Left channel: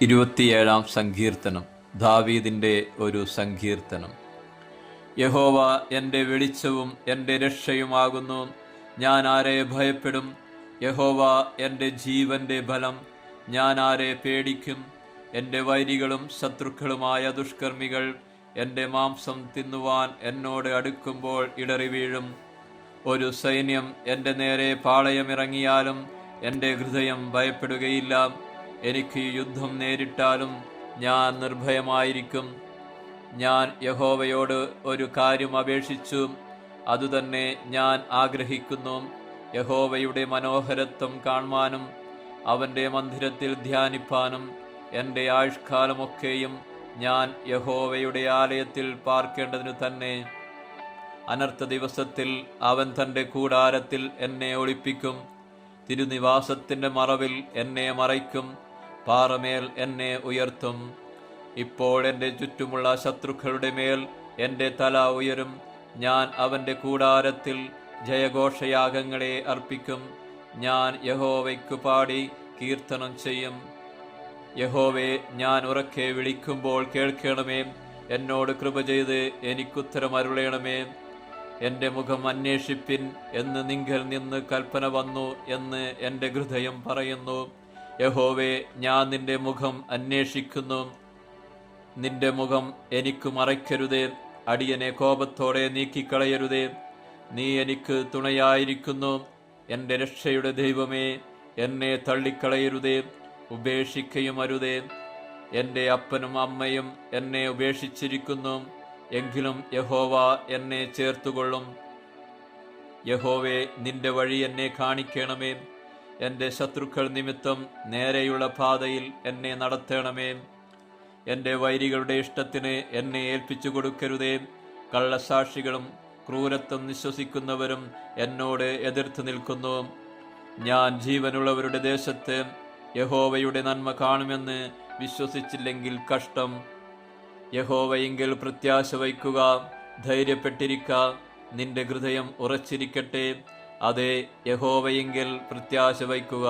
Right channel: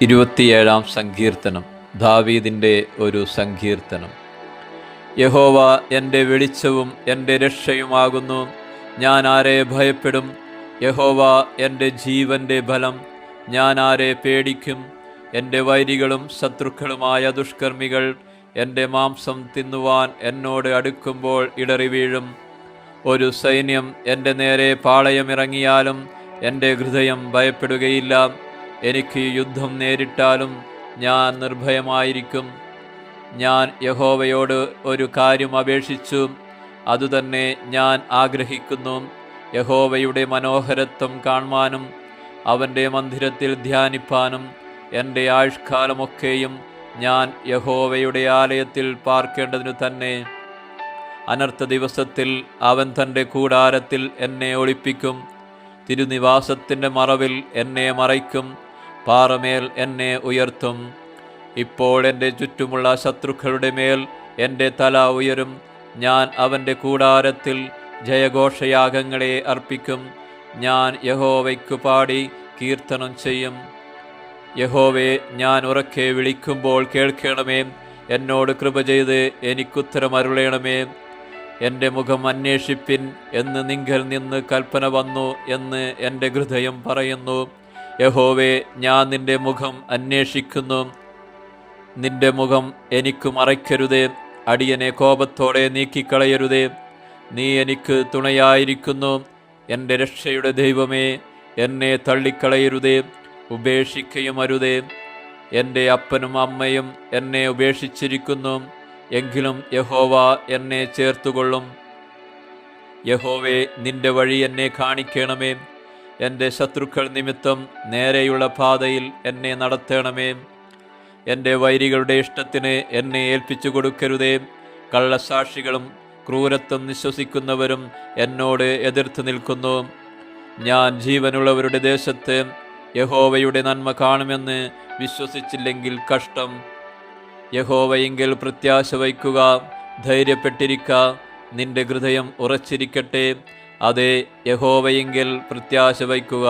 ഇരുപത്തിയേഴാം സങ്കീർത്തനം ദാവീദിന്റെ ഒരു സങ്കീർത്തനം. യഹോവ എന്റെ വെളിച്ചവും എന്റെ രക്ഷയുമാകുന്നു. ഞാൻ ആരെ ഭയപ്പെടും? യഹോവ എന്റെ ജീവന്റെ ബലം. ഞാൻ ആരെ പേടിക്കും? എന്റെ വൈരികളും ശത്രുക്കളുമായ ദുഷ്കർമ്മികൾ എന്റെ മാംസം തിന്നുവാൻ എന്നോട് അടുക്കുമ്പോൾ ഇടറി വീഴും. ഒരു സൈന്യം എന്റെ നേരെ പാളയമിറങ്ങിയാലും എന്റെ ഹൃദയം ഭയപ്പെടുകയില്ല. എനിക്ക് യുദ്ധം നേരിട്ടാലും ഞാൻ നിർഭയമായിരിക്കും. ഞാൻ യഹോവയോട് ഒരു കാര്യം അപേക്ഷിച്ചു. അതുതന്നെ ഞാൻ ആഗ്രഹിക്കുന്നു. യഹോവയുടെ മനോഹരത്വം കാണുവാനും അവന്റെ മന്ദിരത്തിൽ ധ്യാനിപ്പാനും എന്റെ ആയുഷ്കാലമൊക്കെയും ഞാൻ യഹോവയുടെ ആലയത്തിൽ പാർക്കേണ്ടതിനു തന്നെ. അനർത്ഥ ദിവസത്തിൽ അവൻ തന്റെ കൂടാരത്തിൽ എന്നെ ഒളിപ്പിക്കും. തിരുനിവാസത്തിന്റെ മറവിൽ എന്നെ മറയ്ക്കും. പാറമേൽ എന്നെ ഉയർത്തും. ഇപ്പോൾ എന്റെ ചുറ്റുമുള്ള ശത്രുക്കളുടെ മേൽ എന്റെ തല ഉയരും. ഞാൻ അവന്റെ കൂടാരത്തിൽ ജയഘോഷയാഗങ്ങളെ അർപ്പിക്കും. ഞാൻ യഹോവയ്ക്കു പാടി കീർത്തനം ചെയ്യും. യഹോവെ ഞാൻ ഉറക്കെ വിളിക്കുമ്പോൾ കേൾക്കണമേ. എന്നോട് കൃപ ചെയ്ത് എനിക്കുത്തരമരുളയണമേ എന്റെ മുഖം അന്വേഷിപ്പിൻ എന്ന് നിങ്കൽ നിന്ന് കൽപ്പന വന്നു എന്ന് എന്റെ ഹൃദയം പറയുന്നു. യഹോവേ ഞാൻ നിന്റെ മുഖം അന്വേഷിക്കുന്നു. നിന്റെ മുഖം എനിക്ക് മറയ്ക്കരുതേ. അടിയനെ കോപത്തോടെ നീക്കിക്കളയരുതേ. നീ എനിക്ക് തുണയായിരിക്കുന്നു. എന്റെ രക്ഷയുടെ ദൈവമേ എന്നെ തള്ളിക്കളയരുതേ. ഉപേക്ഷിക്കുകയും അരുതേ. എന്റെ അപ്പനും അമ്മയും എന്നെ ഉപേക്ഷിച്ചിരിക്കുന്നു. എങ്കിലും യഹോവ എന്നെ ചേർത്തുകൊള്ളും. യഹോവേ നിന്റെ വഴി എന്നെ കാണിക്കണമേ. എന്റെ ശത്രുക്കൾ നിമിത്തം നേരെയുള്ള പാതയിൽ എന്നെ നടത്തണമേ. എന്റെ വൈരികളുടെ ഇഷ്ടത്തിന് എന്നെ ഏൽപ്പിച്ചു കൊടുക്കരുതേ. കള്ളസാക്ഷികളും ക്രൂരത്വം നിശ്വസിക്കുന്നവരും എന്നോട് എതിർത്ത് നിൽക്കുന്നു. ഞാൻ ജീവനുള്ളവരുടെ ദേശത്ത് യഹോവയുടെ നന്മ കാണുമെന്ന് വിശ്വസിച്ചില്ലെങ്കിൽ കഷ്ടം. യഹോവയെങ്കിൽ പ്രത്യാശ വയ്ക്കുക ധൈര്യപ്പെട്ടിരിക്ക നിന്റെ ഹൃദയം ഉറച്ചിരിക്കട്ടെ. അതെ യഹോവയെങ്കിൽ പ്രത്യാശ വയ്ക്കുക.